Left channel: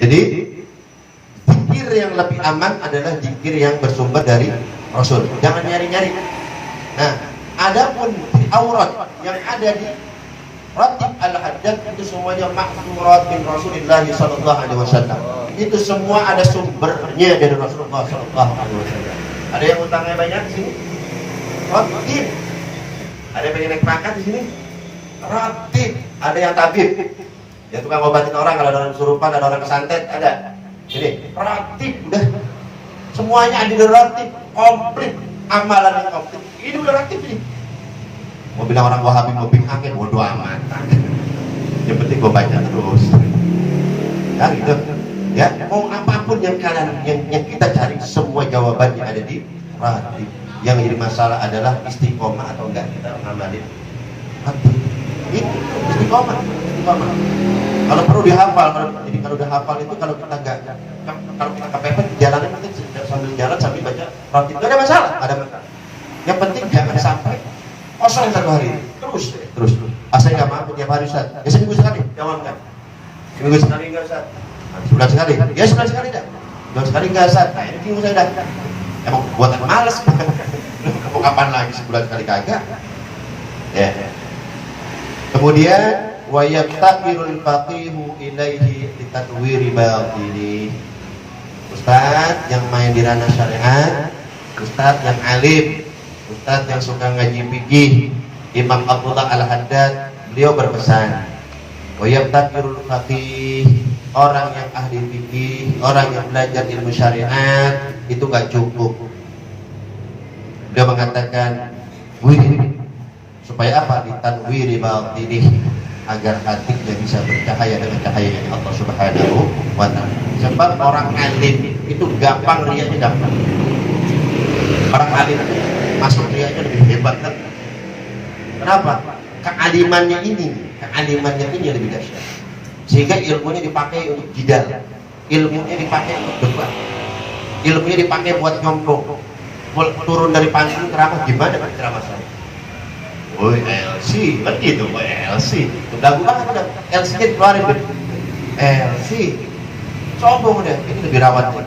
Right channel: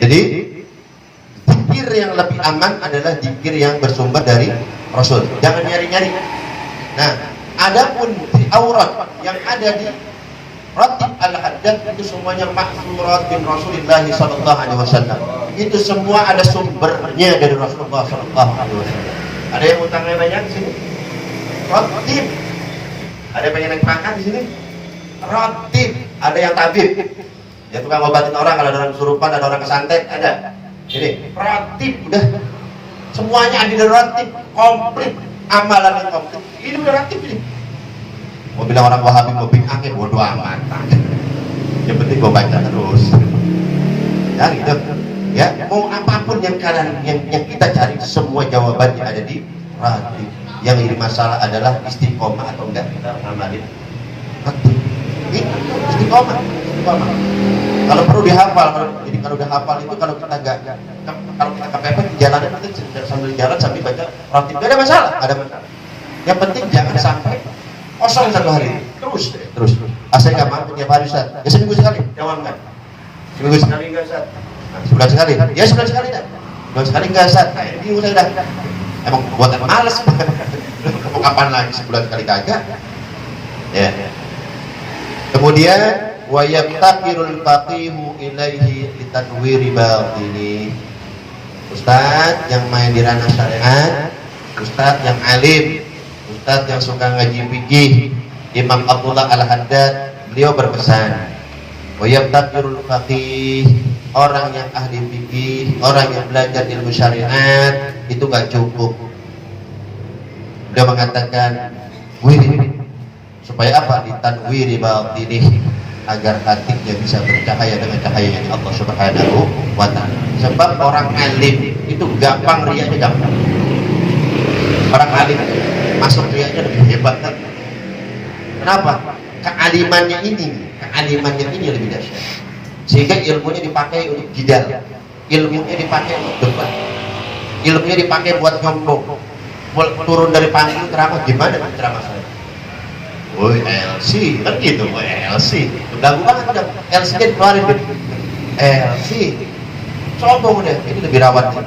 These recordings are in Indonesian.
Jadi zikir yang lebih aman adalah zikir yang bersumber dari Rasul. Jangan nyari-nyari. Nah, adapun di aurat yang ada di Ratib al-Haddad itu semuanya maksurat bin Rasulullah sallallahu alaihi wasallam. Itu semua ada sumbernya dari Rasulullah sallallahu alaihi wasallam. Ada yang utangnya banyak di sini? Ratib. Ada yang pengen naik pangkat di sini? Ratib. Ada yang tabib. Ya tukang obatin orang, kalau ada orang kesurupan, ada orang kesantet, ada. Jadi ratib udah semuanya ada di ratib, komplit amalan yang komplit. Ini udah ratib ini. Mau bilang orang Wahabi mau bikin akhir bodoh amat. Yang penting gua baca terus. Ya gitu. Ya, mau apapun yang kalian yang kita cari, semua jawabannya ada di ratib. Yang jadi masalah adalah istiqomah atau enggak kita amalin ratib. Itu istiqomah. Kalau perlu dihafal, jadi kalau udah hafal itu kalau kita kalau kita kepepet di jalanan kita sambil jalan sambil baca ratib, nggak ada masalah, ada masalah. Yang penting jangan sampai kosong satu hari, terus. Saya nggak mampu tiap hari Ustaz. Ya seminggu sekali, jangan enggak. Seminggu sekali enggak Ustaz. Nah, sebulan sekali, ya sebulan sekali dah. Sebulan sekali enggak Ustaz. Nah ini minggu saya dah. Emang buatan malas. Kapan lagi sebulan sekali kagak? Ya. Kemudian wa yaqtaqirul faqihu ilaihi litadwiri batini. Ustaz yang main di ranah syariat, ustaz yang alim, ustaz yang suka ngaji fikih, Imam Abdullah Al-Haddad, beliau berpesan wa yaqtaqirul faqih, orang yang ahli fikih, orang yang belajar ilmu syariat itu gak cukup. Beliau mengatakan wirid, supaya apa? Ditanwiri batini, agar hatinya bisa bercahaya dengan cahaya Allah Subhanahu wa ta'ala. Sebab orang alim itu gampang riaknya gampang. Orang alim masuk riaknya lebih hebat kan? Kenapa? Kealimannya ini lebih dahsyat. Sehingga ilmunya dipakai untuk jidal, ilmunya dipakai untuk debat, ilmunya dipakai buat nyombong. Turun dari panggung ceramah, gimana kan ceramah saya? Woi LC, kan gitu, woi LC. Udah banget, LC-nya keluarin gitu. LC, sombong deh, ini lebih rawat ya.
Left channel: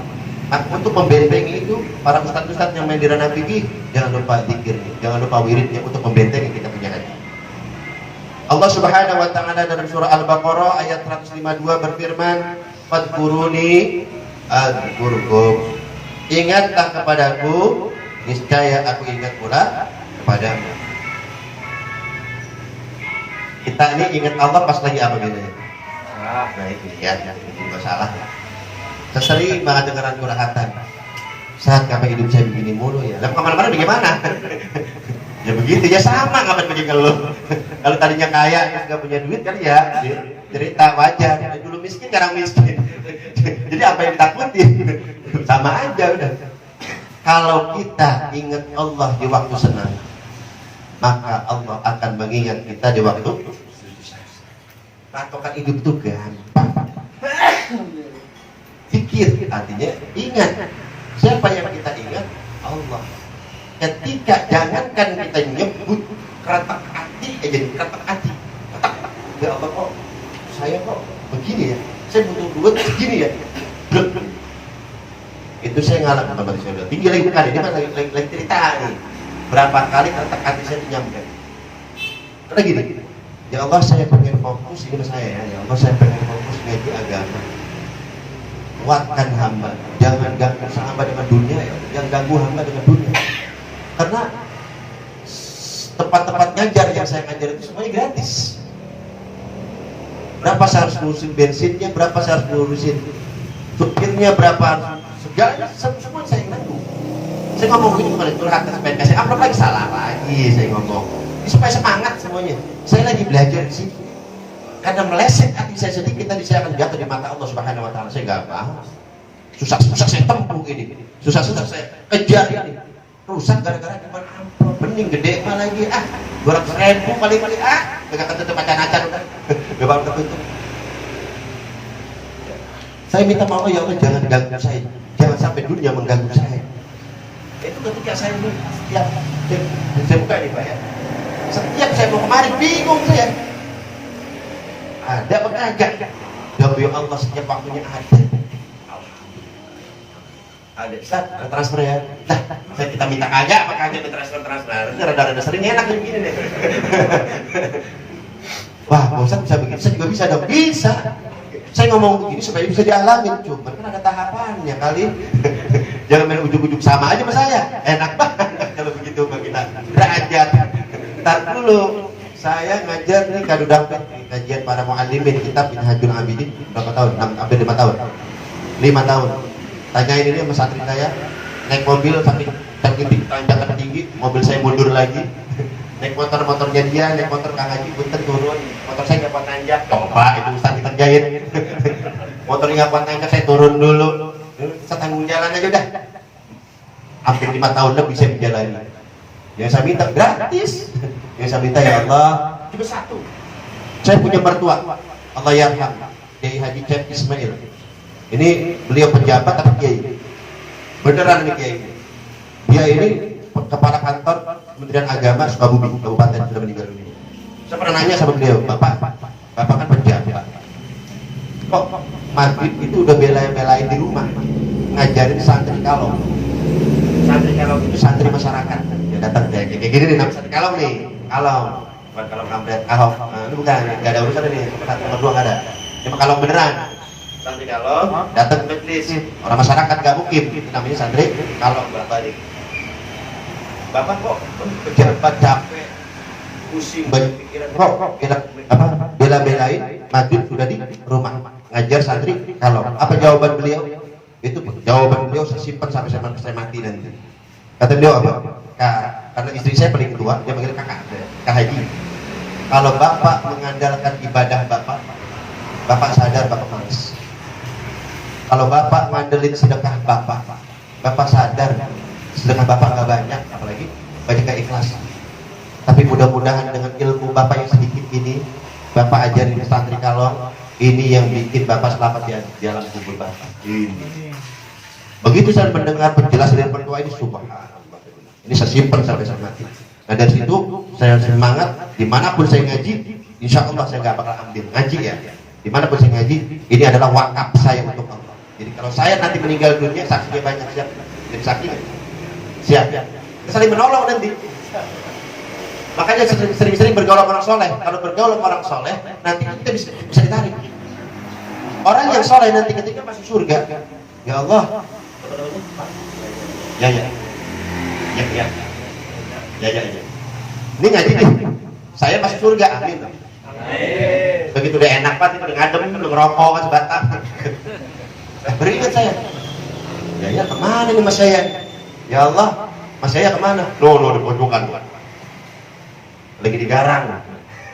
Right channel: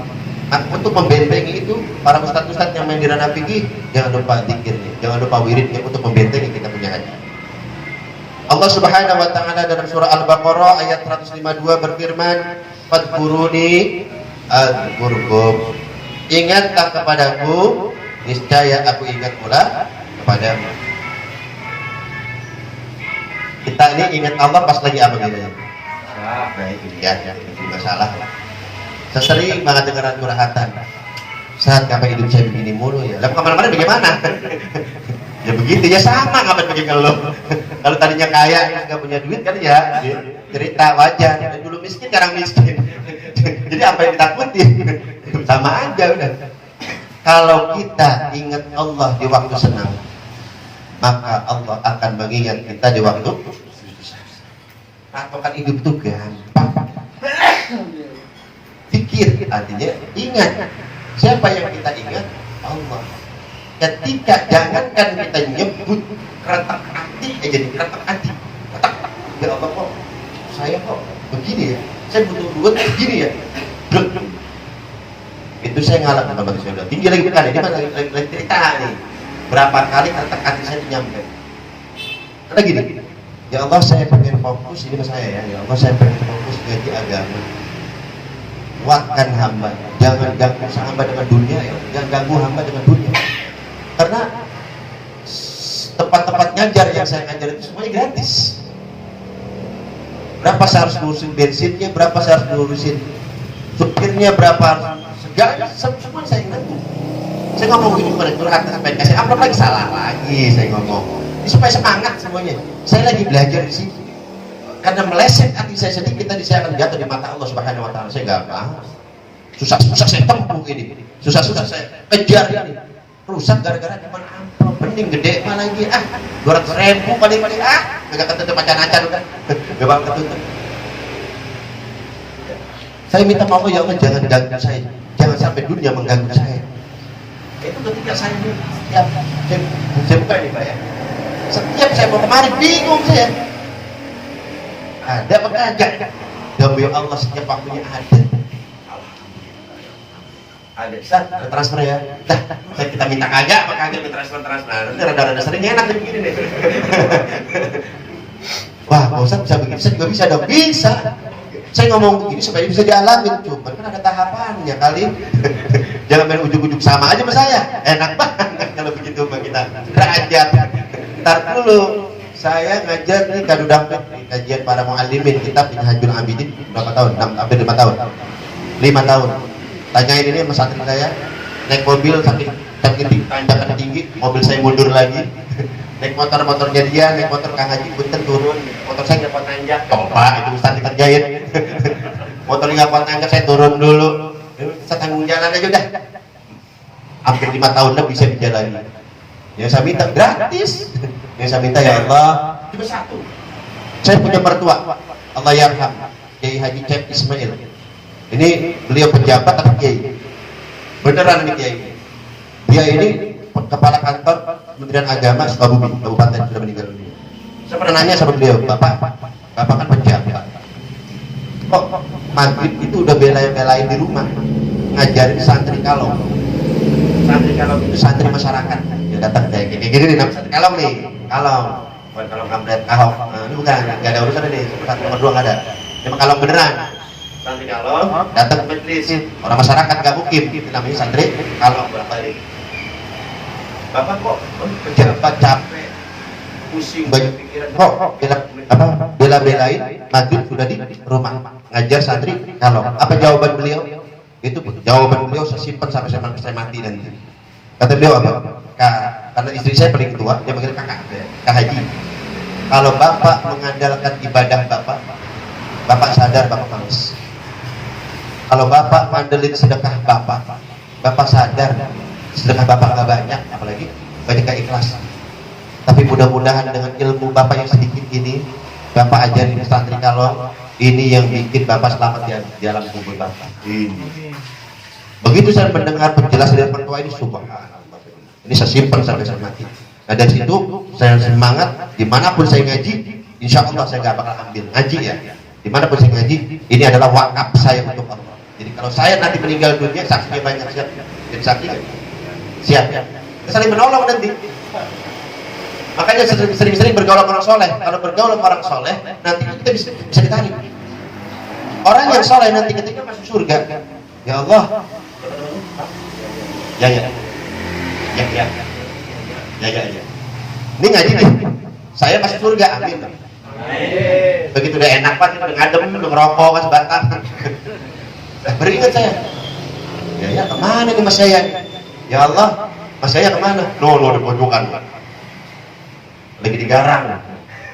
Nah, untuk membentengi itu, para ustadz-ustadz yang main di ranah fikih, jangan lupa zikirnya, jangan lupa wiridnya untuk membentengi kita punya ngaji. Allah Subhanahu wa ta'ala dalam surah Al-Baqarah ayat 152 berfirman, "Fadkuruni adzkurkum." Ingatlah kepadaku, niscaya aku ingat pula kepadamu. Kita ini ingat Allah pas lagi apa gitu ya? Nah itu ya, itu masalah. Saya sering banget dengar curhatan. Saat kapan hidup saya begini mulu ya? Lalu kemana-mana bagaimana? Ya begitu ya, sama kapan begini kalau kalau tadinya kaya nggak punya duit kan ya cerita wajar. Dulu miskin sekarang miskin. Jadi apa yang ditakutin? Sama aja udah. Kalau kita ingat Allah di waktu senang, maka Allah akan mengingat kita di waktu susah. Patokan hidup itu gampang. Pikir, artinya ingat. Siapa yang kita ingat? Allah. Ketika jangankan kita nyebut keretak hati aja nih, keretak hati. Ya Allah kok, saya kok begini ya? Saya butuh duit begini ya? Itu saya ngalamin sama saya udah tinggi lagi kali ini lagi cerita nih. Berapa kali keretak hati saya nyampe. Karena gini, ya Allah saya pengen fokus, ini saya ya Allah saya pengen fokus ngaji agama. Kuatkan hamba, jangan ganggu hamba dengan dunia ya, jangan ganggu hamba dengan dunia. Karena tempat-tempat ngajar yang saya ngajar itu semuanya gratis. Berapa saya harus ngurusin bensinnya, berapa saya harus ngurusin supirnya, berapa segalanya, semuanya saya bantu. Saya ngomong gini kepada curhat supaya kasih amplop lagi, salah lagi saya ngomong. Ini supaya semangat semuanya. Saya lagi belajar di sini. Karena meleset hati saya sedikit tadi saya akan jatuh di mata Allah Subhanahu wa ta'ala. Saya gampang. Susah-susah saya tempuh ini. Susah-susah saya kejar ini. Rusak gara-gara cuma amplop. Bening gede mah lagi 200.000 paling-paling gak ketutup acan-acan udah. Gampang ketutup. Saya minta maaf ya Allah, jangan ganggu saya. Jangan sampai dunia mengganggu saya. Itu ketika saya setiap saya buka nih Pak ya. Setiap saya mau kemari bingung saya. Ada apa kagak? Gak hamba ya Allah setiap waktunya ada. Ada, Ustaz, ada transfer ya? Dah, saya kita minta kagak, apa kagak transfer. Nanti rada-rada sering enak nih begini deh. Wah, Pak Ustaz bisa begitu, saya juga bisa dong. Bisa. Saya ngomong begini supaya bisa dialamin, cuman kan ada tahapannya kali. Jangan main ujuk-ujuk sama aja sama saya. Enak banget kalau begitu Pak kita. Derajat. Ntar dulu, saya ngajar nih kado dampet nih, kajian para muallimin kitab Minhajul Abidin berapa tahun? Hampir 5 tahun. 5 tahun. Tanyain ini sama santri saya, naik mobil saking tanjakan tinggi, mobil saya mundur lagi. Naik motornya dia, naik motor Kang Haji punten turun, motor saya nggak kuat nanjak, coba itu Ustaz dikerjain. Motornya nggak kuat nanjak, saya turun dulu, saya tanggung jalan aja udah. Hampir 5 tahun lah bisa dijalani. Yang saya minta gratis, yang saya minta ya Allah cuma satu. Saya punya mertua, Allah yarham, Kiai Haji Cep Ismail. Ini beliau pejabat atau kiai? Beneran ini kiai. Dia ini kepala kantor Kementerian Agama Sukabumi, Kabupaten, sudah meninggal dunia. Saya pernah nanya sama beliau, Bapak kan pejabat. Kok maghrib itu udah belain di rumah, ngajarin santri kalong. Santri kalong itu santri masyarakat. Dia datang kayak gini nih, nama santri kalong nih, kalong. Bukan kalong kampret, ahok. Nah, ini bukan, nggak ada urusan nih, satu nomor 2 nggak ada. Cuma kalong beneran. Santri kalong datang ke majelis, orang masyarakat gak mukim, itu namanya santri kalong bolak-balik. Bapak kok pejabat capek, pusing banyak pikiran, kok bela-belain maghrib sudah di rumah ngajar santri kalong. Apa jawaban beliau? Itu jawaban beliau saya simpan sampai saya mati nanti. Kata beliau apa? Karena istri saya paling tua, dia panggil Kak Haji. Kalau Bapak mengandalkan ibadah Bapak sadar Bapak males. Kalau Bapak ngandelin sedekah Bapak sadar sedekah Bapak nggak banyak, apalagi banyak keikhlasan. Tapi mudah-mudahan dengan ilmu Bapak yang sedikit ini, Bapak ajarin santri kalong, ini yang bikin Bapak selamat di alam kubur Bapak. Ini. Begitu saya mendengar penjelasan dari mertua ini, subhanallah. Ini saya simpan sampai saya mati. Nah dari situ saya semangat, dimanapun saya ngaji, insya Allah saya nggak bakal ambil ngaji ya. Dimanapun saya ngaji, ini adalah wakaf saya untuk Allah. Jadi kalau saya nanti meninggal dunia, saksinya banyak, siap jadi saksi siap ya. Kita saling menolong nanti. Makanya sering-sering bergaul sama orang soleh. Kalau bergaul sama orang soleh, nanti kita bisa ditarik. Orang yang soleh nanti ketika masuk surga, ya Allah, ya. Ini ngaji nih, saya masuk surga, amin. Begitu udah enak Pak, udah ngadem, udah ngerokok kan sebatang. Beringat saya, ya kemana nih mas saya? Ya Allah, mas saya kemana? Di pojokan, lagi digarang.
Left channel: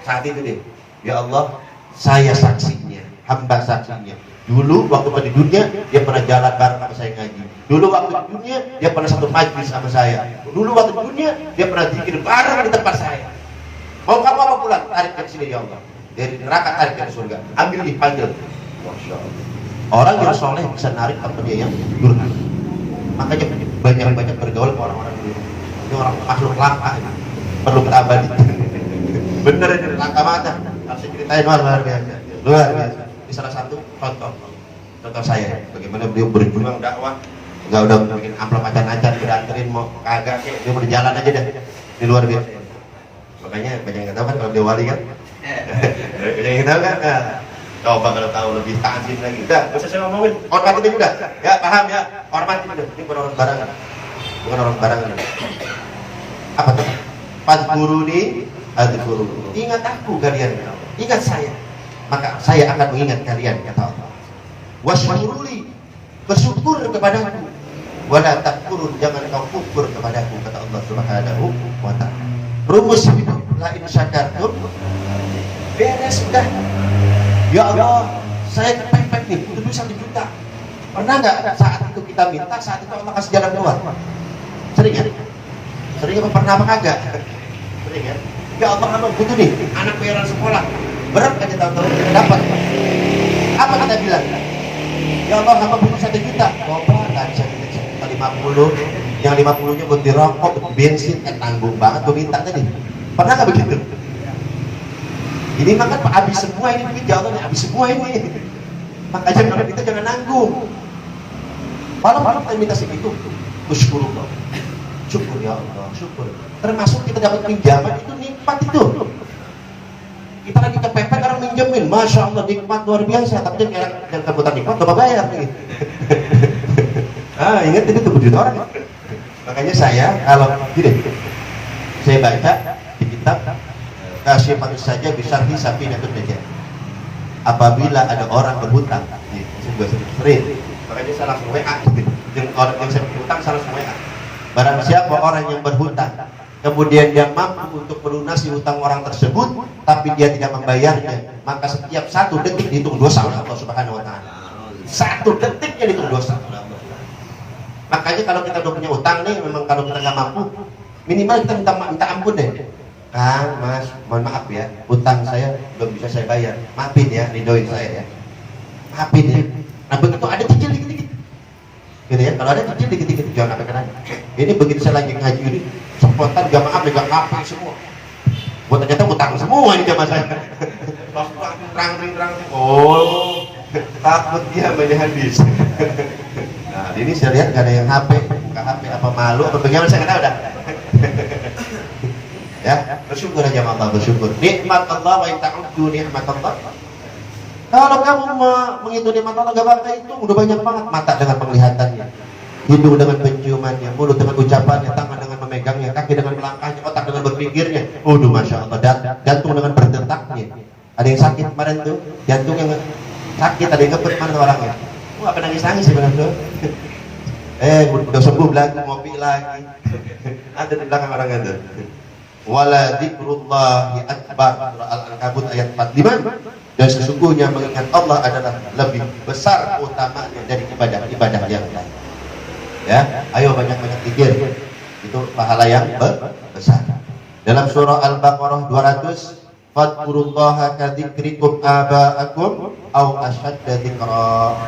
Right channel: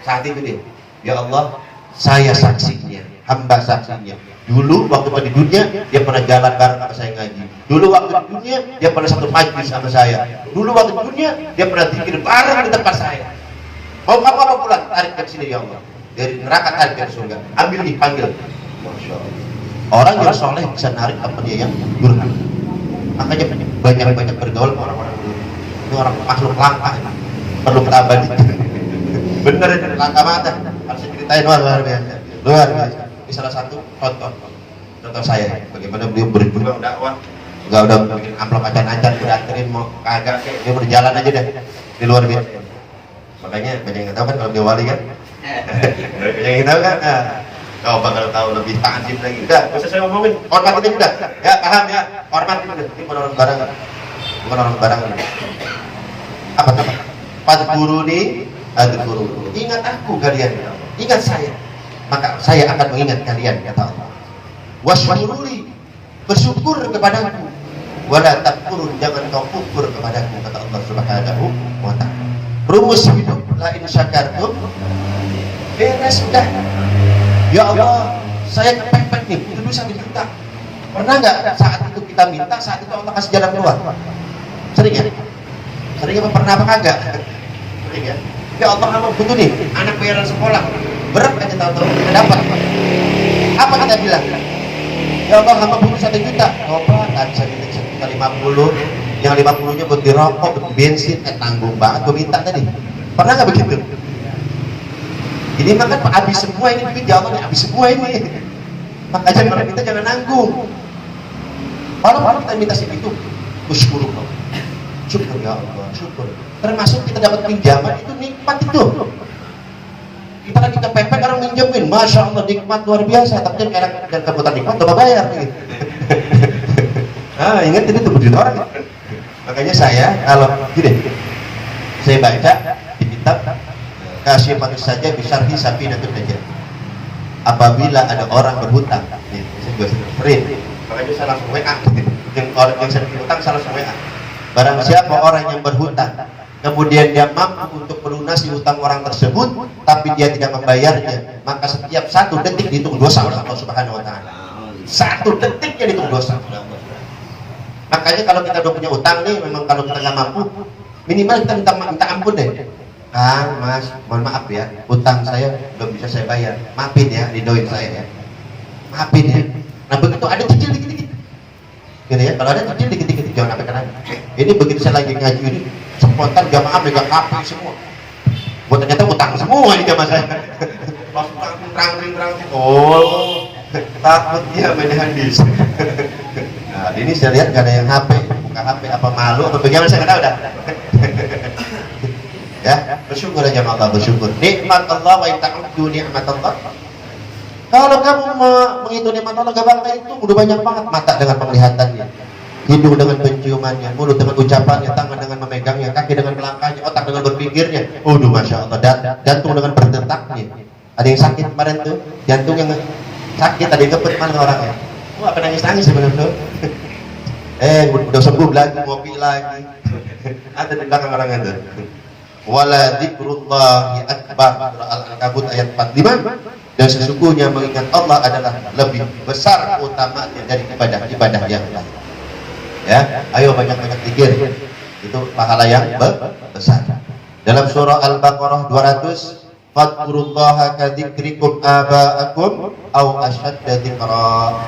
Saat itu deh, ya Allah, saya saksinya, hamba saksinya. Dulu waktu di dunia dia pernah jalan bareng sama saya ngaji. Dulu waktu di dunia dia pernah satu majlis sama saya. Dulu waktu di dunia dia pernah zikir bareng di tempat saya. Mau kamu apa pulang? Tarik ke sini ya Allah. Dari neraka tarik ke surga. Ambil dipanggil. Masya Allah. Orang yang soleh bisa narik apa dia yang durhaka. Makanya banyak bergaul ke orang-orang dulu. Ini orang makhluk langka, perlu kita abadikan. Bener ini langka banget. Harus saya ceritain luar biasa. Ini salah satu contoh saya. Bagaimana beliau berjuang dakwah. Enggak udah bikin amplop acan-acan, udah anterin mau kagak, dia mau jalan aja dah. Di luar biasa. Makanya banyak yang tahu kan kalau dia wali kan. Banyak yang tahu kan. Coba kalau tahu lebih ta'zim lagi. Udah, bisa saya ngomongin. Hormatin udah. Ya, paham ya. Hormatin udah. Ini bukan orang barangan. Bukan orang barangan. Apa tadi? Fadhkuruni adzkuruni. Ingat aku kalian. Ingat saya. Maka saya akan mengingat kalian, kata Allah. Washkuruli. Bersyukur kepadaku. Wala takfurun, jangan kau kufur kepadaku, kata Allah Subhanahu wa ta'ala. Rumus hidup la in syakartum. Beres sudah. Ya Allah, saya kepepet nih, itu dulu 1 juta. Pernah nggak saat itu kita minta, saat itu Allah kasih jalan keluar? Sering ya? Sering apa pernah apa kagak? Sering ya? Ya Allah, hamba butuh nih, anak bayaran sekolah. Berat aja tahu-tahu kita dapat. Apa kata bilang? Ya Allah, hamba butuh 1 juta. Coba, tadi saya minta 1,50. Yang 50-nya buat dirokok, buat bensin, tanggung banget. Gue minta tadi. Pernah nggak begitu? Ini makan habis semua ini duit, ya Allah, habis semua ini. Makanya kalau kita jangan nanggung. Kalau kita minta segitu, syukur, syukur ya Allah, syukur. Termasuk kita dapat pinjaman itu nikmat itu. Kita lagi kepepet orang minjemin, masya Allah nikmat luar biasa. Tapi jangan kebutuhan nikmat, coba bayar. Gitu. Ingat ini tuh duit orang. Makanya saya kalau gini, saya baca di kitab kasih manusia saja bisa hisapi nakut saja. Apabila ada orang berhutang, nih, saya juga sering, makanya saya langsung WA gitu. Yang saya berhutang saya langsung WA. Barang siapa orang yang berhutang, kemudian dia mampu untuk melunasi hutang orang tersebut, tapi dia tidak membayarnya, maka setiap 1 detik dihitung dosa oleh Allah Subhanahu Wa Taala. 1 detiknya dihitung dosa. Makanya kalau kita udah punya utang nih, memang kalau kita nggak mampu, minimal kita minta ampun deh. Kang, Mas, mohon maaf ya, utang saya belum bisa saya bayar. Maafin ya, ridoin saya ya. Maafin ya. Nah begitu ada cicil dikit-dikit, gitu ya. Kalau ada cicil dikit-dikit, jangan sampai kena. Ini begitu saya lagi ngaji ini, spontan jamaah megang HP semua. Buat ternyata utang semua ini jamaah saya. Langsung terang. Oh, takut dia main hadis. Nah, ini saya lihat gak ada yang HP, buka HP apa malu atau bagaimana saya nggak tahu dah. Ya, bersyukur aja Allah, bersyukur. Nikmat Allah wa ta'uddu nikmat Allah. Kalau kamu menghitung nikmat Allah gak bangga itu udah banyak banget. Mata dengan penglihatannya, hidung dengan penciumannya, mulut dengan ucapannya, tangan dengan memegangnya, kaki dengan melangkahnya, otak dengan berpikirnya. Waduh, masya Allah. Jantung dengan berdetaknya. Ada yang sakit kemarin tuh, jantung yang sakit, ada yang kepet mana orangnya. Apa nangis sebenarnya? Udah sembuh lagi, ngopi lagi. Ada di belakang orang itu. Wala dzikrullahi akbar, surah Al-Ankabut ayat 45. Dan sesungguhnya mengingat Allah adalah lebih besar utamanya dari ibadah yang lain. Ya, ayo banyak-banyak zikir. Itu pahala yang besar. Dalam surah Al-Baqarah 200, fadkurullaha kadzikrikum aba'akum aw ashadda dzikra.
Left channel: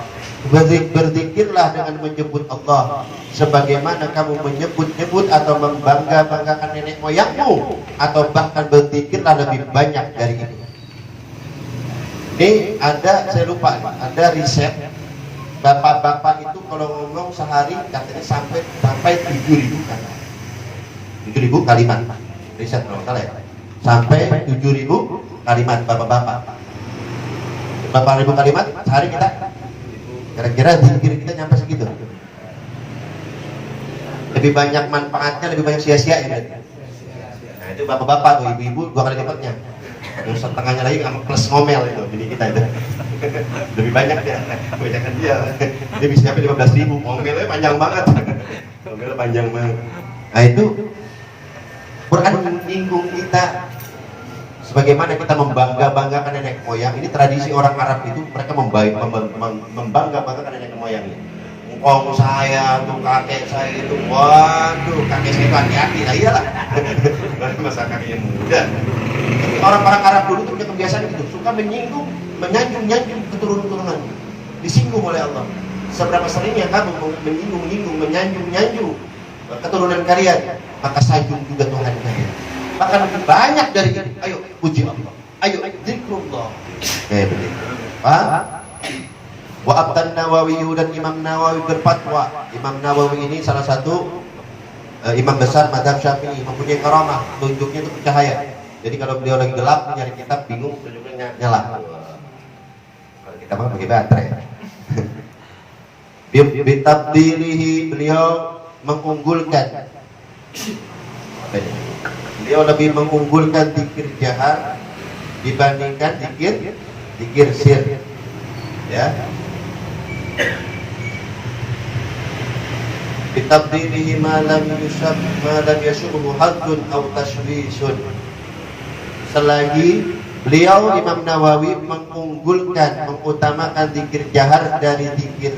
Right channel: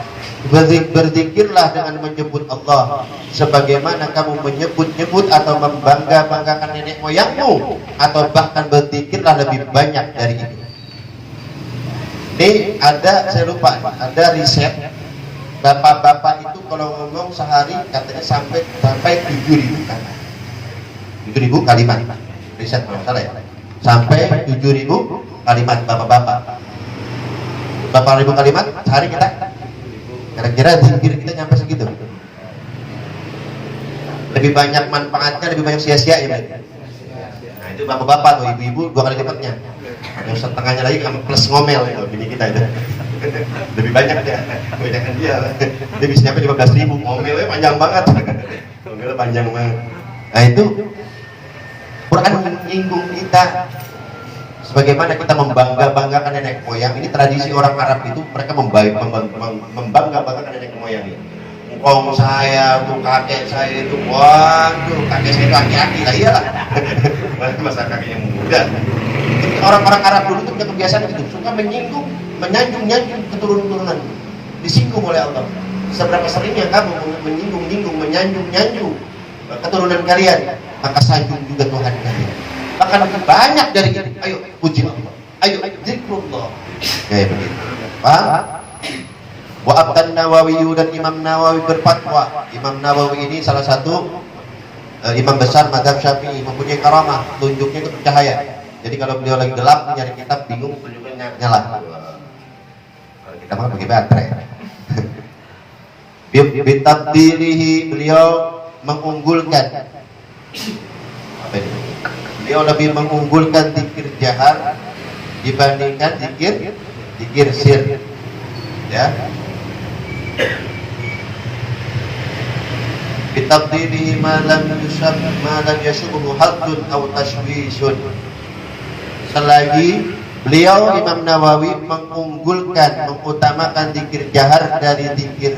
Berzikirlah dengan menyebut Allah sebagaimana kamu menyebut-nyebut atau membangga-banggakan nenek moyangmu, atau bahkan berzikirlah lebih banyak dari itu. Ini ada, saya lupa, ada riset bapak-bapak itu kalau ngomong sehari katanya sampai 7.000 kata. 7.000 kalimat. Riset kalau salah ya. Sampai 7.000 kalimat bapak-bapak. Berapa ribu kalimat sehari kita? Kira-kira zikir kita nyampe segitu. Lebih banyak manfaatnya, lebih banyak sia-sia ya. Nah itu bapak-bapak atau ibu-ibu 2 kali lipatnya. Yang setengahnya lagi sama plus ngomel itu, bini kita itu. Lebih banyak ya, kebanyakan dia. Dia bisa nyampe 15.000, ngomelnya panjang banget. Ngomelnya panjang banget. Nah itu Quran menyinggung kita. Sebagaimana kita membangga-banggakan nenek moyang, ini tradisi orang Arab itu, mereka membangga-banggakan nenek moyang ini. Ngkong saya, untuk kakek saya itu, waduh, kakek saya itu hati-hati lah, iyalah. Masa kakeknya muda. Orang-orang Arab dulu itu punya kebiasaan gitu, suka menyinggung, menyanjung keturunan-turunan, disinggung oleh Allah. Seberapa seringnya kamu menyinggung, menyanjung keturunan kalian, maka sanjung juga Tuhan kalian. Bahkan lebih banyak dari ini. Ayo puji Allah, ayo zikrullah. Kayak begitu. Wa Abdan Nawawi, dan Imam Nawawi berfatwa. Imam Nawawi ini salah satu imam besar mazhab Syafi'i, mempunyai karamah, tunjuknya itu cahaya. Jadi kalau beliau lagi gelap nyari kitab bingung, tunjuknya nyala. Kalau kita mau pakai baterai. Bitabdilihi, beliau mengunggulkan. Apa ini? Beliau lebih mengunggulkan zikir jahar dibandingkan zikir sir. Ya. Bitabdilihi ma lam yashubhu haddun aw tashwisun. Selagi beliau Imam Nawawi mengutamakan zikir jahar dari zikir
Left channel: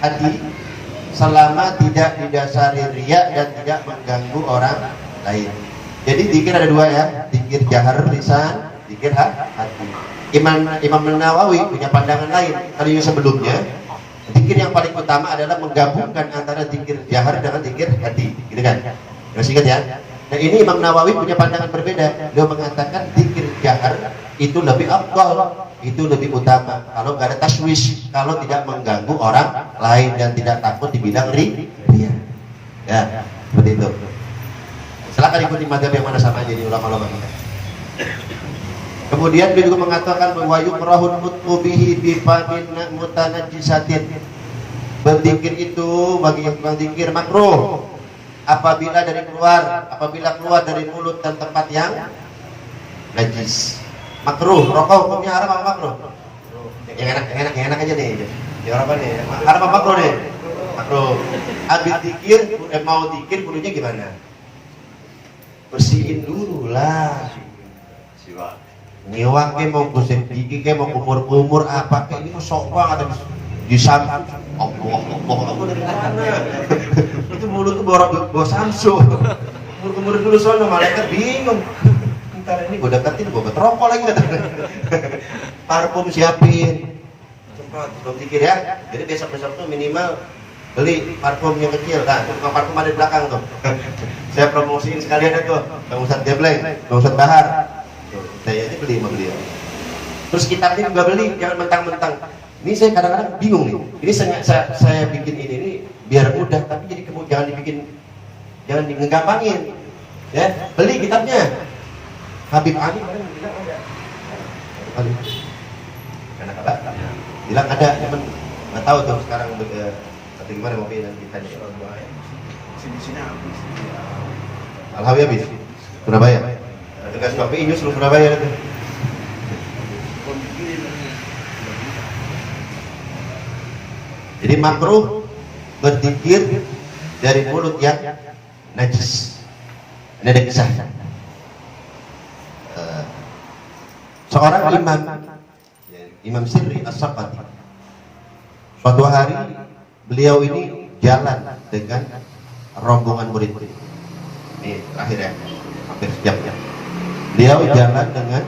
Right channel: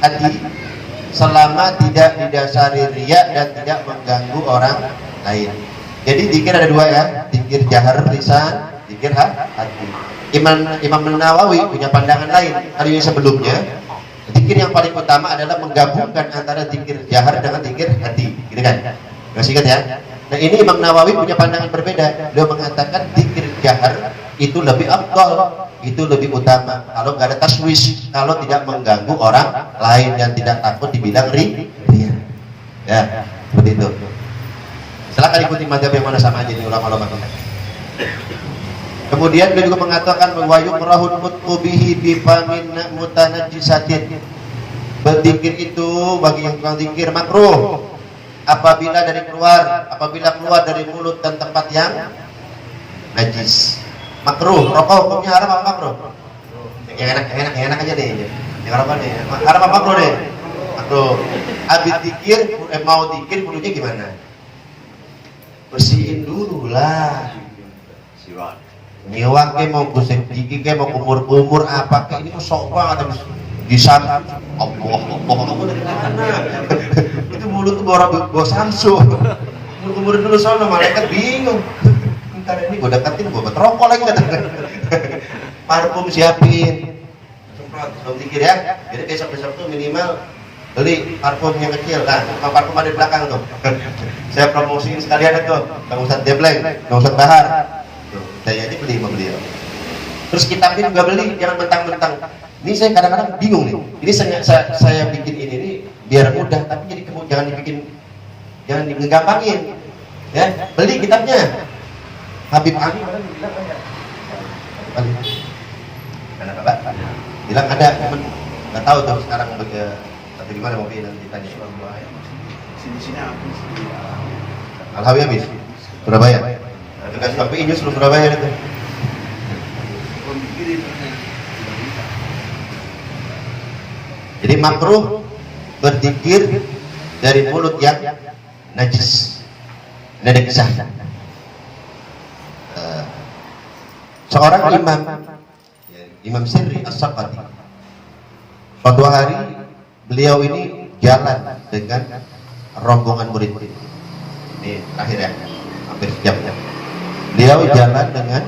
hati selama tidak didasari riya dan tidak mengganggu orang lain. Jadi zikir ada 2 ya, zikir jahar lisan, zikir hati. Imam Nawawi punya pandangan lain. Hari sebelumnya, zikir yang paling utama adalah menggabungkan antara zikir jahar dengan zikir hati, gitu kan? Masih ingat ya? Nah ini Imam Nawawi punya pandangan berbeda. Beliau mengatakan zikir jahar itu lebih afdal, itu lebih utama. Kalau nggak ada taswis, kalau tidak mengganggu orang lain dan tidak takut dibilang ria. Ya, seperti itu. Silakan ikuti mazhab yang mana sama aja nih ulama-ulama. Kemudian dia juga mengatakan wa yukrahun mutqubihi bi famin mutanajjisatin. Berzikir itu bagi yang tukang zikir makruh apabila keluar dari mulut dan tempat yang najis. Makruh. Rokok hukumnya haram apa makruh? Yang enak aja nih. Yang rokok nih. Haram apa makruh nih? Makruh. Habis zikir, mau zikir kudunya gimana? Bersihin dulu lah. Siwak. Nyiwak ke mau gosip gigi ke mau kumur apa ke ini mau sok banget di sana. Allah dari mana? Itu mulut tuh bawa Samsu. Kumur dulu soalnya malaikat bingung. Ntar ini gue deketin gue rokok lagi katanya. Parfum siapin. Semprot sebelum dikir ya. Jadi besok tuh minimal beli parfum yang kecil. Nah, parfum ada di belakang tuh. Saya promosiin sekalian itu. Bang Ustadz Debleng, Bang Ustadz Bahar. Tuh, saya ini beli. Terus kitabnya juga beli, jangan mentang-mentang. Ini saya kadang-kadang bingung nih. Ini saya bikin ini nih biar mudah, tapi jadi jangan ngegampangin. Ya, beli kitabnya. Habib Ali mana bilang ada. Mana kabar? Bilang ada, cuman nggak tahu tuh sekarang atau gimana mau pilih nanti tanya. Sini Al-Hawi habis Surabaya. Tugas KPI News Surabaya itu. Jadi makruh berzikir dari mulut yang najis. Ini ada kisah. Seorang Imam Sirri As-Saqati. Suatu hari beliau ini jalan dengan rombongan murid-murid. Ini terakhir ya, hampir sejam ya. Beliau jalan dengan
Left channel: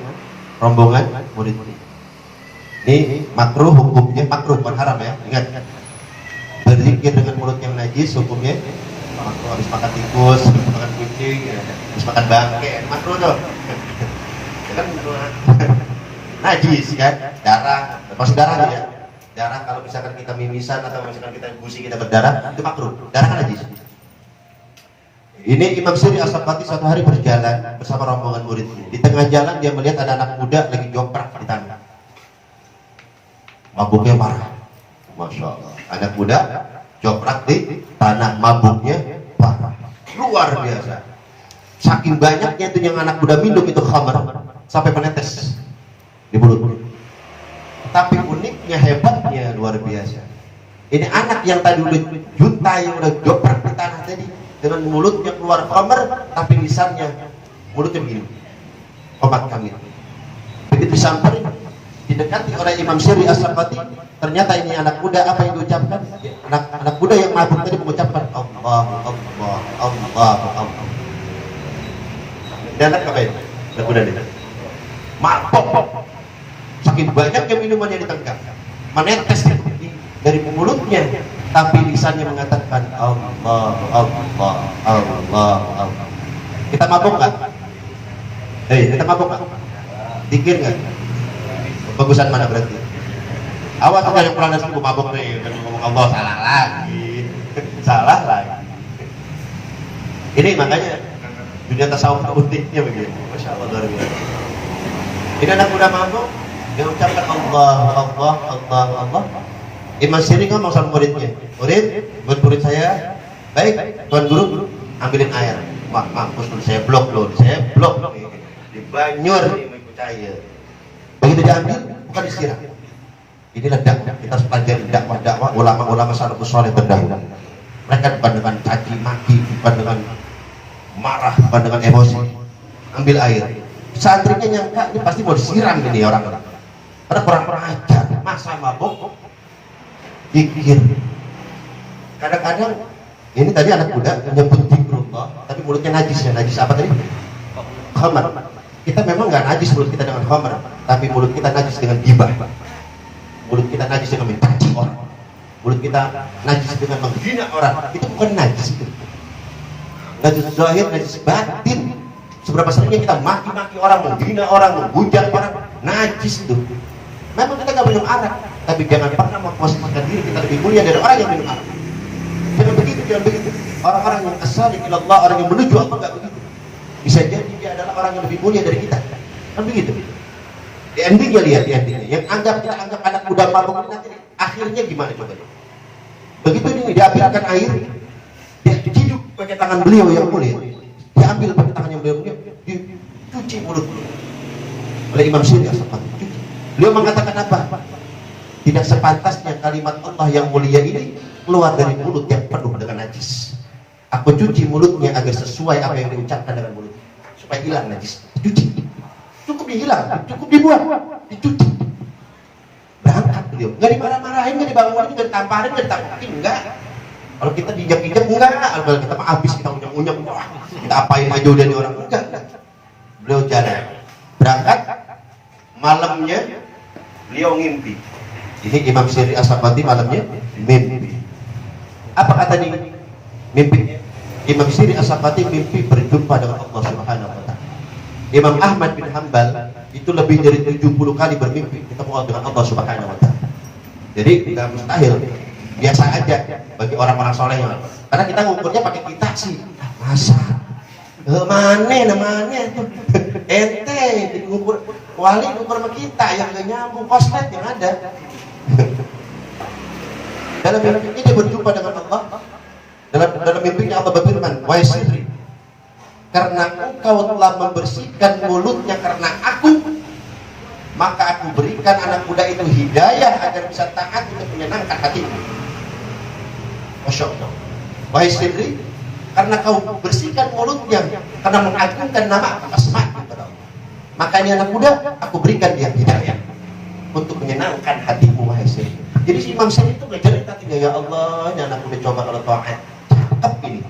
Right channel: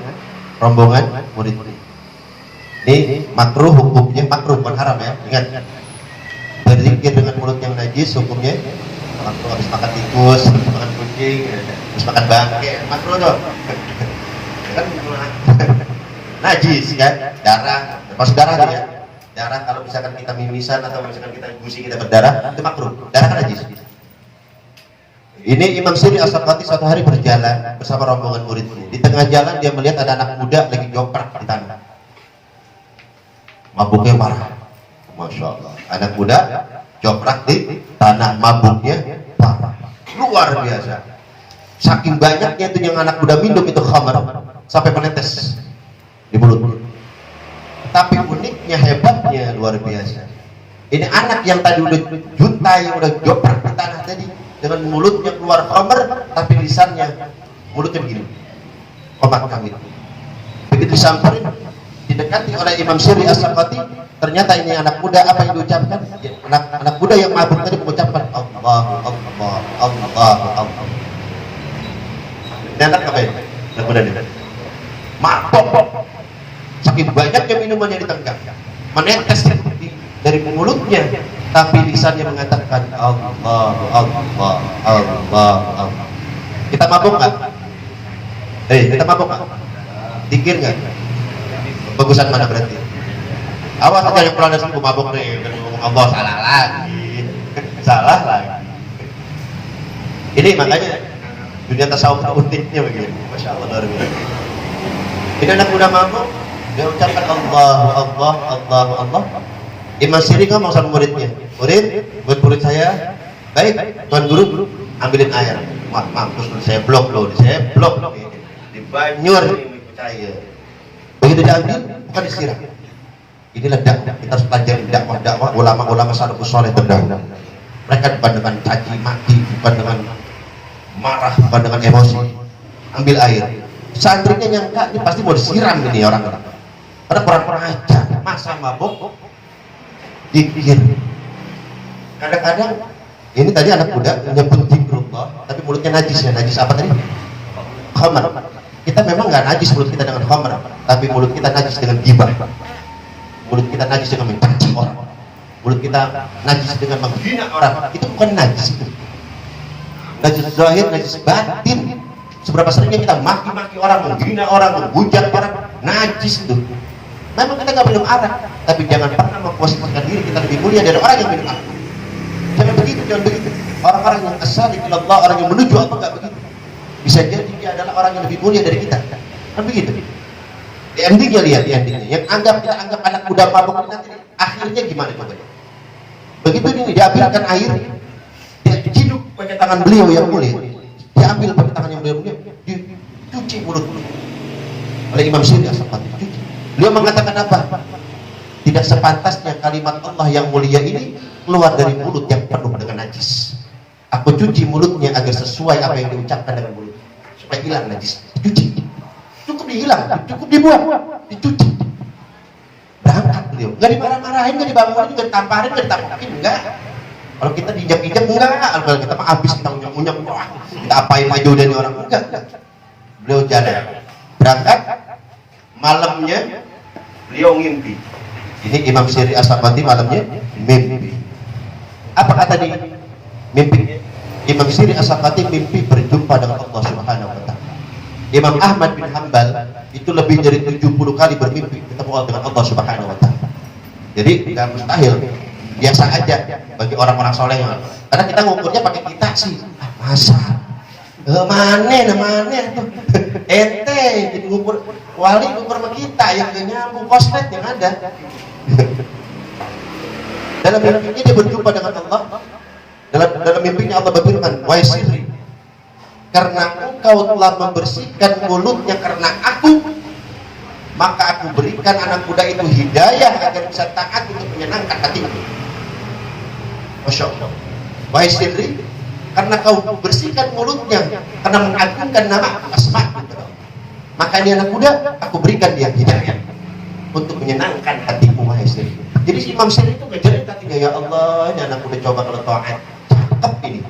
rombongan murid-murid. Ini makruh hukumnya, makruh bukan haram ya. Ingat, berzikir dengan mulut yang najis hukumnya makruh. Habis makan tikus, habis makan kucing, habis makan bangke, makruh tuh. Kan najis kan, darah, masuk darah tuh ya. Darah kalau misalkan kita mimisan atau misalkan kita gusi kita berdarah itu makruh. Darah kan najis. Ini Imam Sirri As-Saqati suatu hari berjalan bersama rombongan muridnya. Di tengah jalan dia melihat ada anak muda lagi joprak di tanah. Mabuknya parah. Masya Allah. Anak muda joprak di tanah, mabuknya parah. Luar biasa. Saking banyaknya itu yang anak muda minum itu khamar sampai menetes di mulut. Tapi uniknya, hebatnya luar biasa. Ini anak yang tadi udah juta yang udah joprak di tanah tadi, dengan mulutnya keluar khamar, tapi lisannya mulutnya begini, komat kamit. Begitu disamperin, didekati oleh Imam Sirri As-Saqati, ternyata ini anak muda, apa yang diucapkan? Anak muda yang mabuk tadi mengucapkan Allah. Ini anak apa ini? Anak muda ini mabok. Saking banyaknya minuman yang ditengah, menetes dari mulutnya, tapi lisannya mengatakan Allah. Kita mabuk nggak? Kita mabuk nggak? Dikir nggak? Bagusan mana berarti? Awas aja yang pulang dari sini mabuk nih, Allah salah lagi. Ini makanya dunia tasawuf uniknya begini, masya Allah luar biasa. Ini anak muda mabuk, dia ucapkan Allah. Imam Sirri ngomong sama muridnya, murid saya, baik, tuan guru, ambilin air. Wah, mampus, saya blok di banyur ini ikut saya. Begitu diambil, bukan disiram. Inilah dakwah, kita harus pelajari dakwah ulama-ulama salafus saleh terdahulu. Mereka bukan dengan caci maki, bukan dengan marah, bukan dengan emosi. Ambil air. Santrinya nyangka ini pasti mau disiram ini orang ini. Karena kurang ajar, masa mabuk dikir. Kadang-kadang ini tadi anak muda nyebut zikrullah, tapi mulutnya najis ya. Najis apa tadi? Khamar. Kita memang nggak najis mulut kita dengan khamar, tapi mulut kita najis dengan gibah. Mulut kita najis dengan mencaci orang. Mulut kita najis dengan menghina orang. Itu bukan najis itu. Najis zahir, najis batin. Seberapa seringnya kita maki-maki orang, menghina orang, menghujat orang. najis tuh. Memang kita nggak minum arak, tapi jangan pernah memposisikan diri kita lebih mulia dari orang yang minum arak. Jangan begitu, jangan begitu. Orang-orang yang as-sadiq ilallah, orang yang menuju Allah nggak begitu. Bisa jadi dia adalah orang yang lebih mulia dari kita. Kan begitu. Di endingnya lihat, di endingnya. Yang kita anggap anak muda mabuk nanti akhirnya gimana coba? Begitu ini diambilkan air, dia diciduk pakai tangan beliau yang mulia, diambil pakai tangan yang mulia, dicuci mulutnya oleh Imam Syiri As-Sakati. Beliau mengatakan apa? Tidak sepantasnya kalimat Allah yang mulia ini keluar dari mulut yang penuh dengan najis. Aku cuci mulutnya agar sesuai apa yang diucapkan dengan mulut, supaya hilang najis. Dicuci, cukup dihilang, cukup dibuang, dicuci. Berangkat beliau, nggak dimarah-marahin, nggak dibangunin, nggak ditamparin, nggak ditampakin, enggak. Kalau kita dijak-ijak enggak, kalau kita mah habis kita unyek-unyek, wah, kita apain maju dari orang enggak. Beliau jalan, berangkat, malamnya beliau ngimpi. Ini Imam Syiri As-Sakati malamnya mimpi. Apa kata di mimpi? Imam Syiri As-Sakati mimpi berjumpa dengan Allah Subhanahu wa taala. Imam Ahmad bin Hanbal itu lebih dari 70 kali bermimpi ketemu dengan Allah Subhanahu wa taala. Jadi tidak mustahil, biasa aja bagi orang-orang soleh. Karena kita ngukurnya pakai kita sih. Masa? Mana tuh? Ente jadi ngukur wali ngukur sama kita yang gak nyambung koslet yang ada. Dalam mimpi dia berjumpa dengan Allah. Dalam mimpinya Allah berfirman, "Wahai Sirri, karena engkau telah membersihkan mulutnya karena aku, maka aku berikan anak muda itu hidayah agar bisa taat untuk menyenangkan hatimu." Masya Allah. Wahai Sirri, karena kau bersihkan mulutnya karena mengagungkan nama asma gitu, maka ini anak muda aku berikan dia hidayah untuk menyenangkan hatimu. Wahai Sirri. Jadi si Imam Syiri itu ngejerit hatinya, ya Allah, ini anak muda coba kalau taat, cakep ini,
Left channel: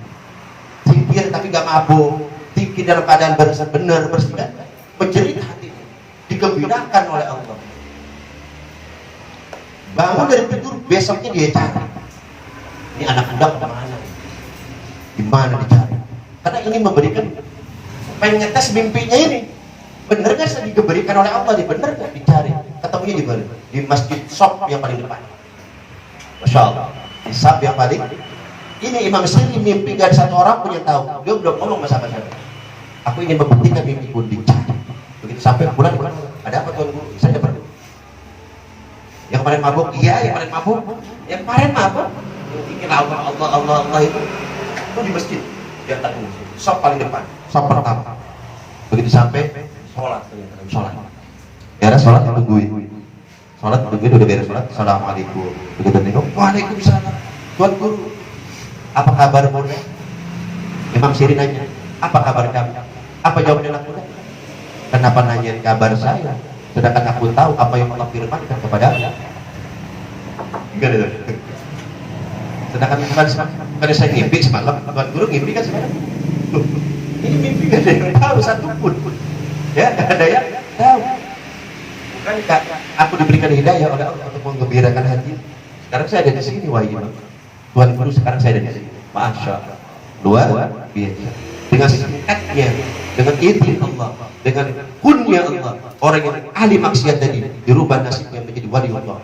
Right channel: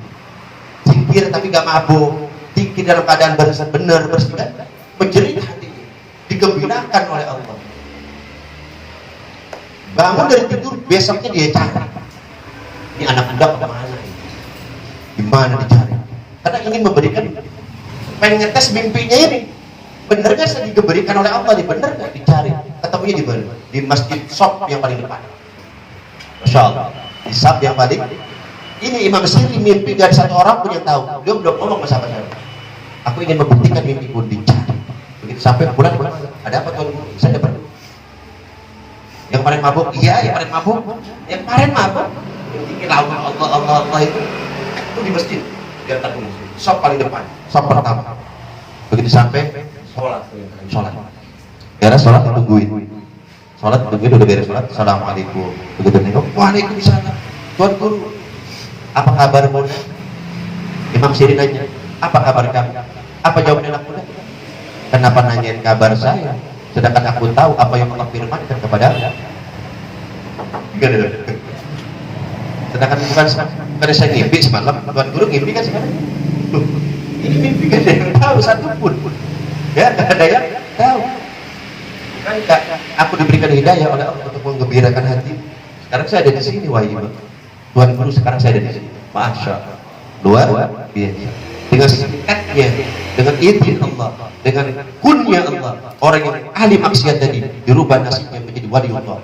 zikir tapi gak mabuk, zikir dalam keadaan benar bersih, menjerit hatinya, digembirakan oleh Allah. Bangun dari tidur, besoknya dia cari, ini anak muda kemana ini? Gimana dicari? Karena ini memberikan, pengen ngetes mimpinya ini, bener gak sih diberikan oleh Allah? Bener gak dicari? Ketemunya di mana? Di masjid Shop yang paling depan. Masya Allah, di Shop yang paling. Ini Imam Syiri mimpi gak ada satu orang pun yang tahu. Dia belum ngomong sama siapa. Aku ingin membuktikan mimpiku dicari. Begitu sampai pulang, ada apa tuan guru? Saya dapat. Yang paling mabuk, iya yang paling mabuk. Yang paling mabuk, yang bikin Allah itu di masjid. Dia datang ke Shop paling depan, Shop pertama. Begitu sampai sholat. Beres sholat tungguin. Sholat tungguin, udah beres sholat. Assalamualaikum. Begitu nengok, waalaikumsalam. Tuan guru, apa kabarmu? Imam Syiri nanya, apa kabar kamu? Apa jawaban anak muda? Kenapa nanyain kabar saya? Sedangkan aku tahu apa yang Allah firmankan kepada gimana? Sedangkan bukan saya ngimpi semalam, tuan guru ngimpi kan sih? Ini mimpi gak ada yang tahu satupun. Ya, gak ada yang tahu. Kan aku diberikan hidayah oleh Allah untuk menggembirakan hati. Sekarang saya ada di sini, wahai Imam. Tuan guru sekarang saya ada di sini. Masya Allah. Luar biasa. Dengan singkatnya, dengan izin Allah, dengan kunnya Allah, orang yang ahli maksiat tadi dirubah nasibnya menjadi wali Allah.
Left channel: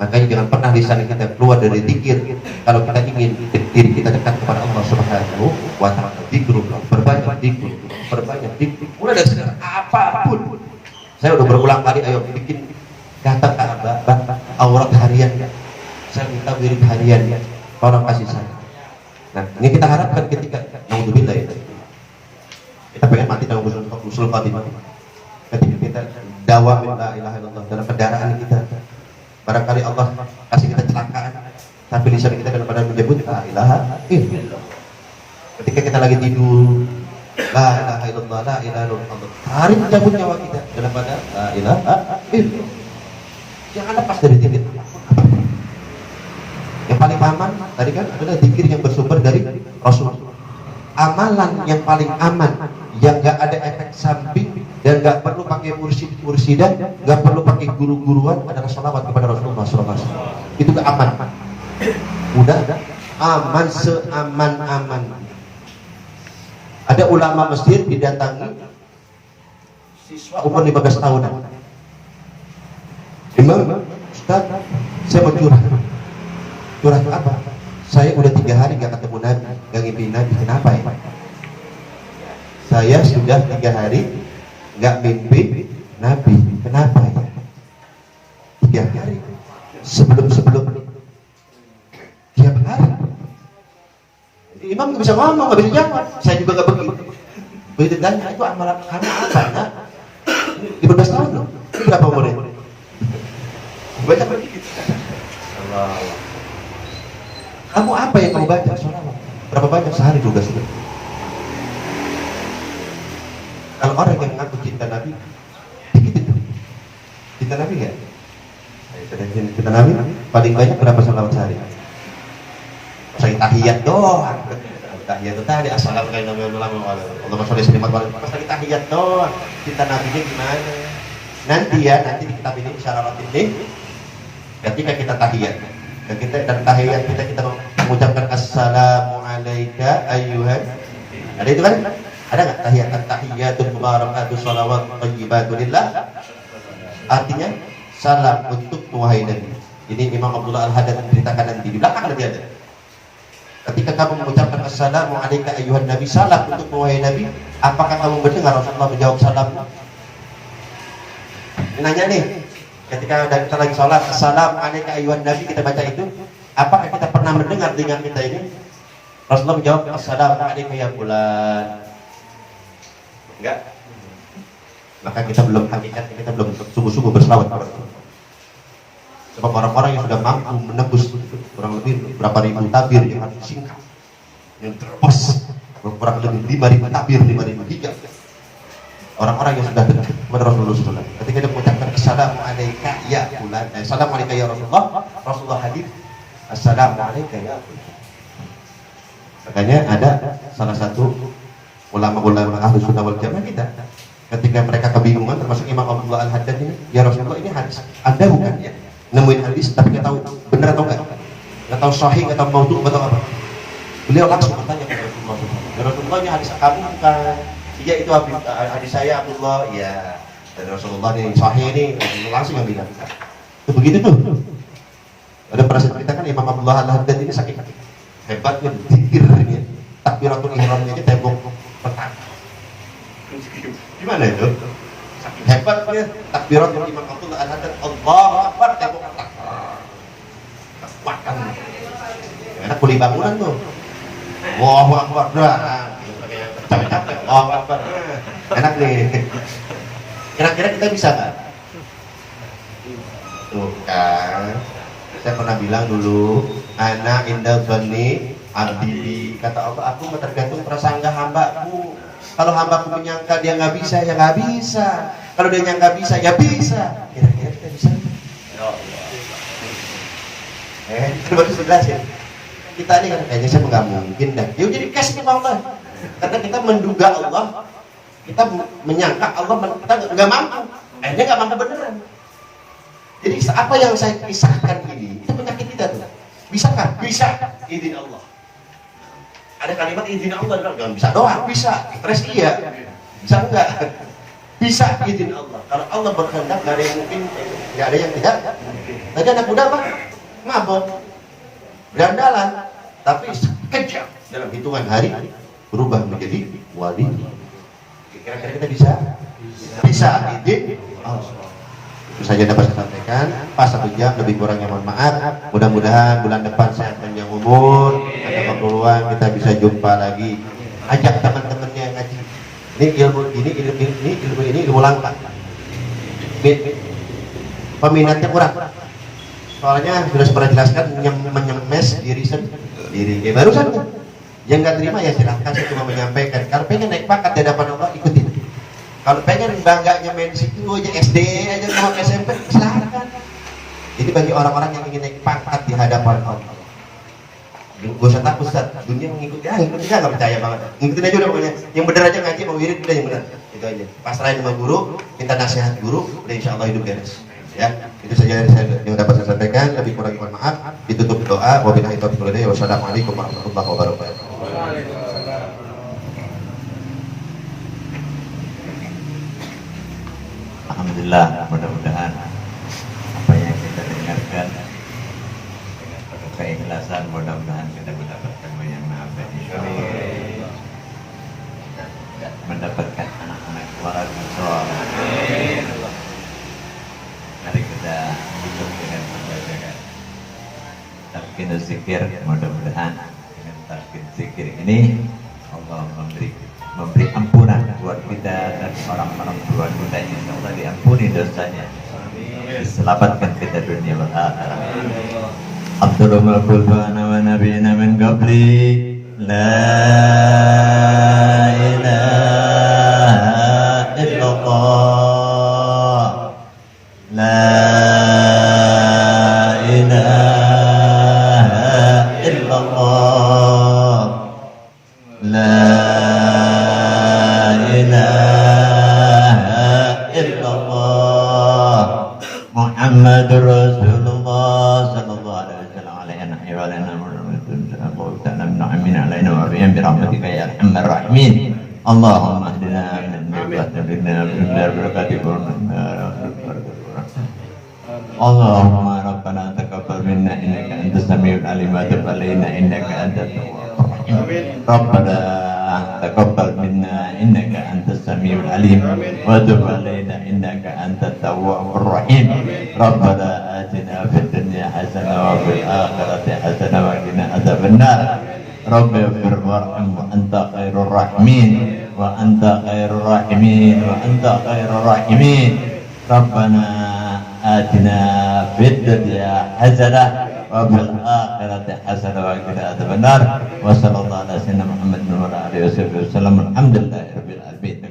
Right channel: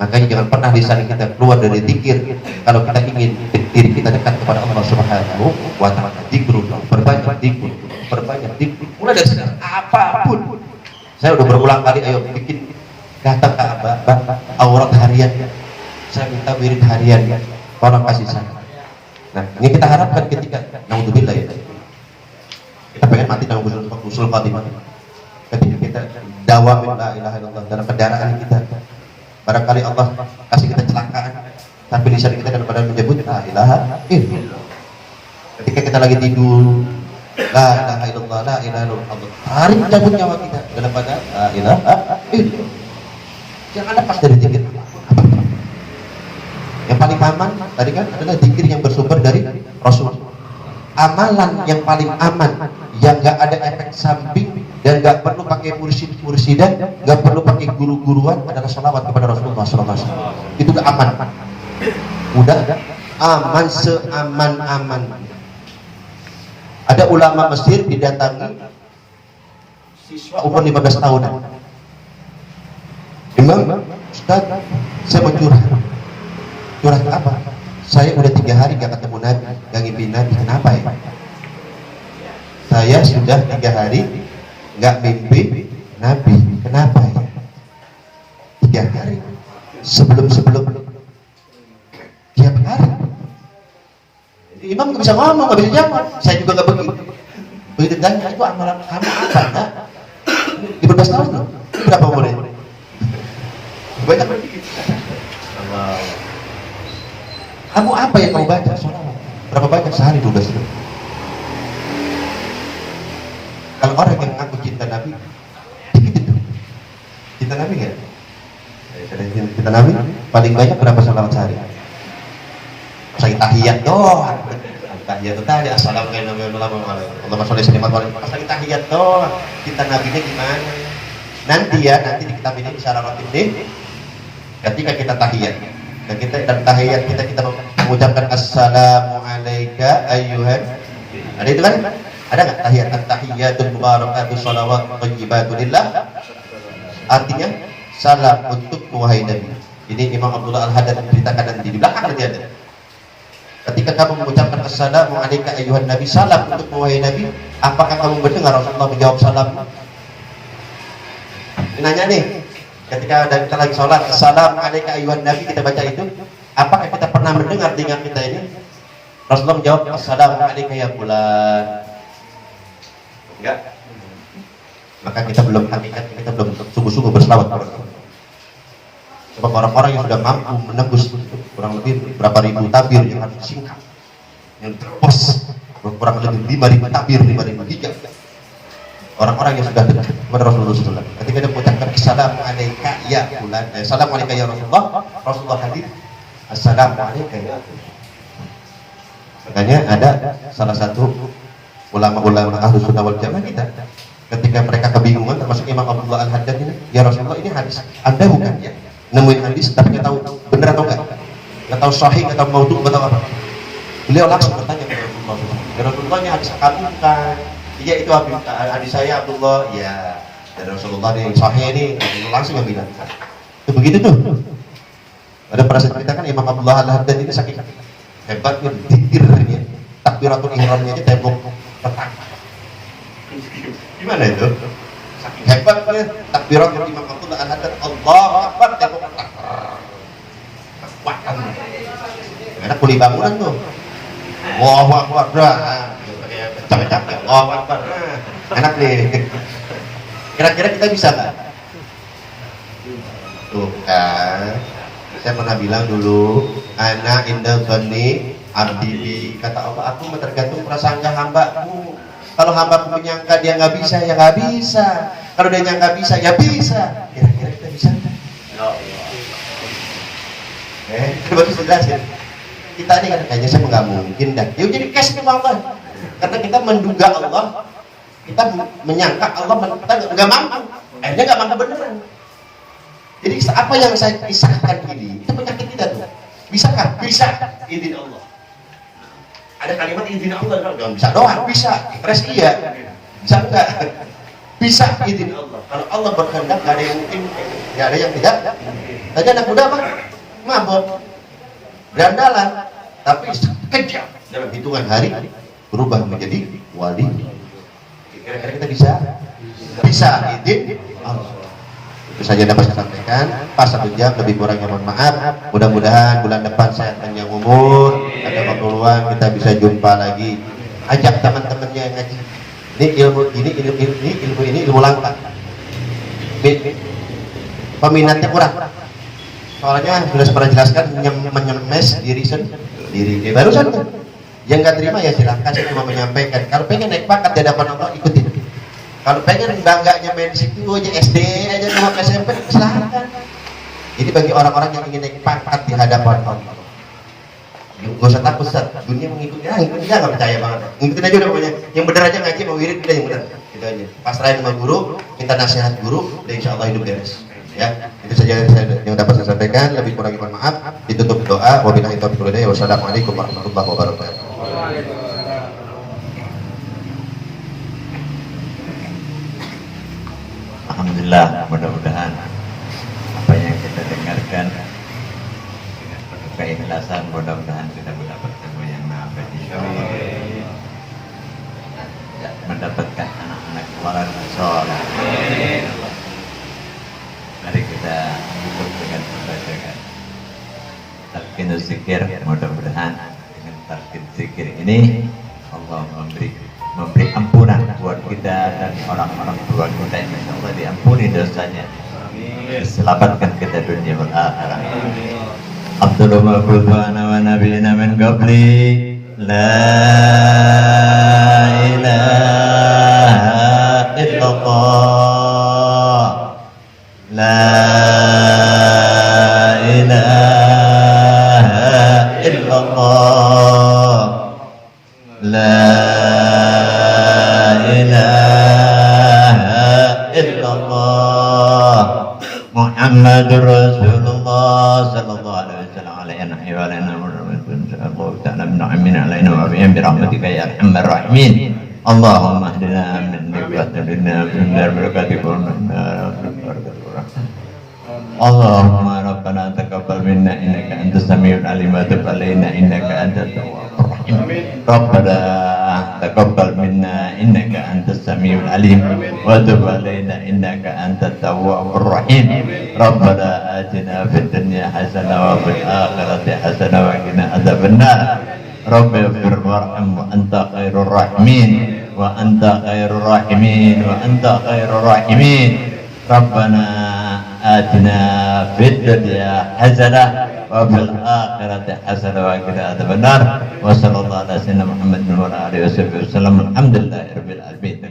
Makanya jangan pernah lisan kita keluar dari zikir kalau kita ingin diri kita dekat kepada Allah Subhanahu wa taala. Zikir, perbanyak zikir, mulai dari sekarang apapun. Saya udah berulang kali, ayo bikin datang ke Abah, aurat harian. Saya minta wirid harian, tolong kasih saya. Nah, ini kita harapkan ketika naudzubillah ya. Kita pengen mati dalam usul khatimah. Ketika kita dakwah la ilaha illallah dalam kendaraan kita, barangkali Allah kasih kita celakaan, tapi lisan kita daripada menyebut la ilaha illallah. Ketika kita lagi tidur, la ilaha illallah, la ilaha illallah, tarik cabut nyawa kita daripada la ilaha illallah. Yang ada pas dari zikir. Yang paling aman tadi kan adalah zikir yang bersumber dari Rasul. Amalan yang paling aman, yang gak ada efek samping dan gak perlu pakai mursidan, gak perlu pakai guru-guruan adalah sholawat kepada Rasulullah SAW. Itu gak aman. Udah aman seaman-aman. Ada ulama Mesir didatangi siswa umur 15 tahunan. Imam, Ustaz, saya mau curhat. Curhat apa? Saya udah 3 hari gak ketemu Nabi, gak ngimpi Nabi. Kenapa ya? Saya sudah 3 hari gak mimpi Nabi. Kenapa ya? 3 hari sebelum tiap hari. Imam gak bisa ngomong, gak bisa jawab. Saya juga gak begitu. Begitu tanya, itu amalan kamu apa? Nah, 15 tahun loh. Ini berapa umurnya? Banyak begitu. Kamu apa yang kamu baca? Berapa banyak sehari 12 ribu? Kalau orang yang ngaku cinta Nabi, dikit itu. Cinta Nabi ya? Cinta Nabi paling banyak berapa salawat sehari? Saya tahiyat doang. Tahiyat itu tadi assalamualaikum warahmatullahi wabarakatuh. Pas lagi tahiyat doang. Cinta Nabinya gimana? Nanti di kitab ini secara rutin deh. Ketika kita tahiyat, dan tahiyat kita mengucapkan assalamualaikum ayyuhan. Ada itu kan? Ada nggak tahiyat? At-tahiyyatul mubarakatuh shalawat thayyibatulillah. Artinya salam untuk wahai Nabi. Ini Imam Abdullah Al-Haddad menceritakan nanti di belakang nanti ada. Ketika kamu mengucapkan assalamualaikum ayyuhan Nabi, salam untuk wahai Nabi, apakah kamu mendengar Rasulullah menjawab salam? Nanya nih, ketika kita lagi sholat assalamualaikum ayyuhan Nabi, kita baca itu, apakah kita pernah mendengar dengan kita ini Rasulullah menjawab assalamualaikum ya fulan? Enggak. Maka kita belum hakikat, kita belum sungguh-sungguh berselawat kepada Allah. Sebab orang-orang yang sudah mampu menembus kurang lebih berapa ribu tabir yang harus disingkap, yang terpos kurang lebih 5.000 tabir, 5.000 hijab. Orang-orang yang sudah dekat kepada Rasulullah SAW, ketika dia mengucapkan assalamualaikum ya fulan, assalamualaikum ya Rasulullah hadir assalamualaikum ya fulan. Makanya ada salah satu ulama-ulama Ahlus Sunnah wal Jamaah kita, ketika mereka kebingungan, termasuk Imam Abdullah Al-Haddad ini, ya Rasulullah ini hadis Anda bukan ya? Nemuin hadis tapi nggak tahu benar atau nggak tahu sahih, nggak tahu maudhu, nggak tahu apa. Beliau langsung bertanya kepada Rasulullah, ya Rasulullah ini hadis kamu bukan? Iya itu hadis saya Abdullah, ya. Dan Rasulullah ini sahih ini, langsung yang bilang. Itu begitu tuh. Ada perasaan kita kan Imam Abdullah Al-Haddad ini saking hebatnya dikirnya, takbiratul ihramnya ini tembok petak. Gimana itu? Saking hebatnya takbiratul Imam Abdullah Al-Haddad, Allahu Akbar, tembok petak. Kekuatan. Enak kuli bangunan tuh. Allahu Akbar, dah. Capek-capek, Allahu Akbar. Enak nih. Kira-kira kita bisa nggak? Tuh kan. Saya pernah bilang dulu, ana inda dzanni abdi, kata Allah, aku tergantung prasangka hambaku. Kalau hambaku menyangka dia nggak bisa, ya nggak bisa. Kalau dia nyangka bisa, ya bisa. Kira-kira kita bisa nggak? Baru sudah sih. Kita ini kan kayaknya saya nggak mungkin dah. Ya jadi cash sama Allah. Karena kita menduga Allah, kita menyangka Allah, kita nggak mampu. Akhirnya nggak mampu beneran. Jadi apa yang saya kisahkan ini, itu penyakit kita tuh. Bisakah? Bisa. Izin Allah. Ada kalimat izin Allah, nggak bisa doang, bisa. Impres iya. Bisa enggak? Bisa izin Allah. Kalau Allah berkehendak, nggak ada yang mungkin, nggak ada yang tidak. Tadi anak muda apa? Mabok, gandalan, tapi kejam dalam hitungan hari berubah menjadi wali. Kira-kira kita bisa? Bisa izin Allah. Itu saja dapat saya sampaikan. Pas 1 jam, lebih kurangnya mohon maaf. Mudah-mudahan bulan depan saya panjang umur, ada peluang kita bisa jumpa lagi. Ajak teman-temannya yang ngaji. Ini ilmu langka. Peminatnya kurang. Soalnya sudah pernah jelaskan, menyemes diri sendiri. Barusan tuh. Yang nggak terima ya silahkan, saya cuma menyampaikan. Kalau pengen naik pangkat di hadapan Allah, ikutin. Kalau pengen bangganya main situ aja, SD aja, mau SMP, silahkan. Ini bagi orang-orang yang ingin naik pangkat di hadapan Allah. Gak usah takut, Ustaz. Dunia mengikuti, ikuti nggak percaya banget. Ngikutin aja udah pokoknya. Yang benar aja ngaji, mau wirid udah yang benar. Itu aja. Pasrahin sama guru, minta nasihat guru, udah insya Allah hidup beres. Ya, itu saja yang dapat saya sampaikan. Lebih kurang mohon maaf. Ditutup doa. Wabillahi taufiq wal hidayah. Wassalamualaikum warahmatullahi wabarakatuh. Alhamdulillah, mudah-mudahan apa yang kita dengarkan dengan penuh keikhlasan, mudah-mudahan kita mendapatkan yang maha insyaallah, dan mendapatkan anak-anak keluarga soleh. Mari kita hidup dengan membacaan talqinul zikir. Mudah-mudahan dengan talqin zikir ini Allah memberi ampunan buat kita dan orang-orang tua kita yang Allah diampuni dosanya, diselamatkan kita dunia dan akhirat. Abdullah ma'budana wa nabiyina min qabli la ilaha illallah la ilaha illallah la Muhammadur Rasulullah sallallahu alaihi wasallam alaihi wa ala Muhammadin ta'ala min alaina wa bi rahmatika ya arhamar rahimin. Allahumma hdina min ni'matina min barakatikum Allahumma rabbana taqabbal minna innaka antas samiul alim wa tub alaina innaka antat tawwabur rahim. Rabbana taqabbal minna innaka antas samiul alim wa tub alaina innaka antat tawwabur rahim. Rabbana atina fid dunya hasanah wa fil akhirati hasanah wa qina adzabannar. Rabbi ighfir warham wa anta khairur rahimin wa anta khairur rahimin wa anta khairur rahimin. Rabbana atina fid dunya hasanah wa fil akhirati hasanah wa qina adzabannar. Wa sallallahu ala sayyidina Muhammadin wa ala alihi wasallam. Alhamdulillahirabbil alamin.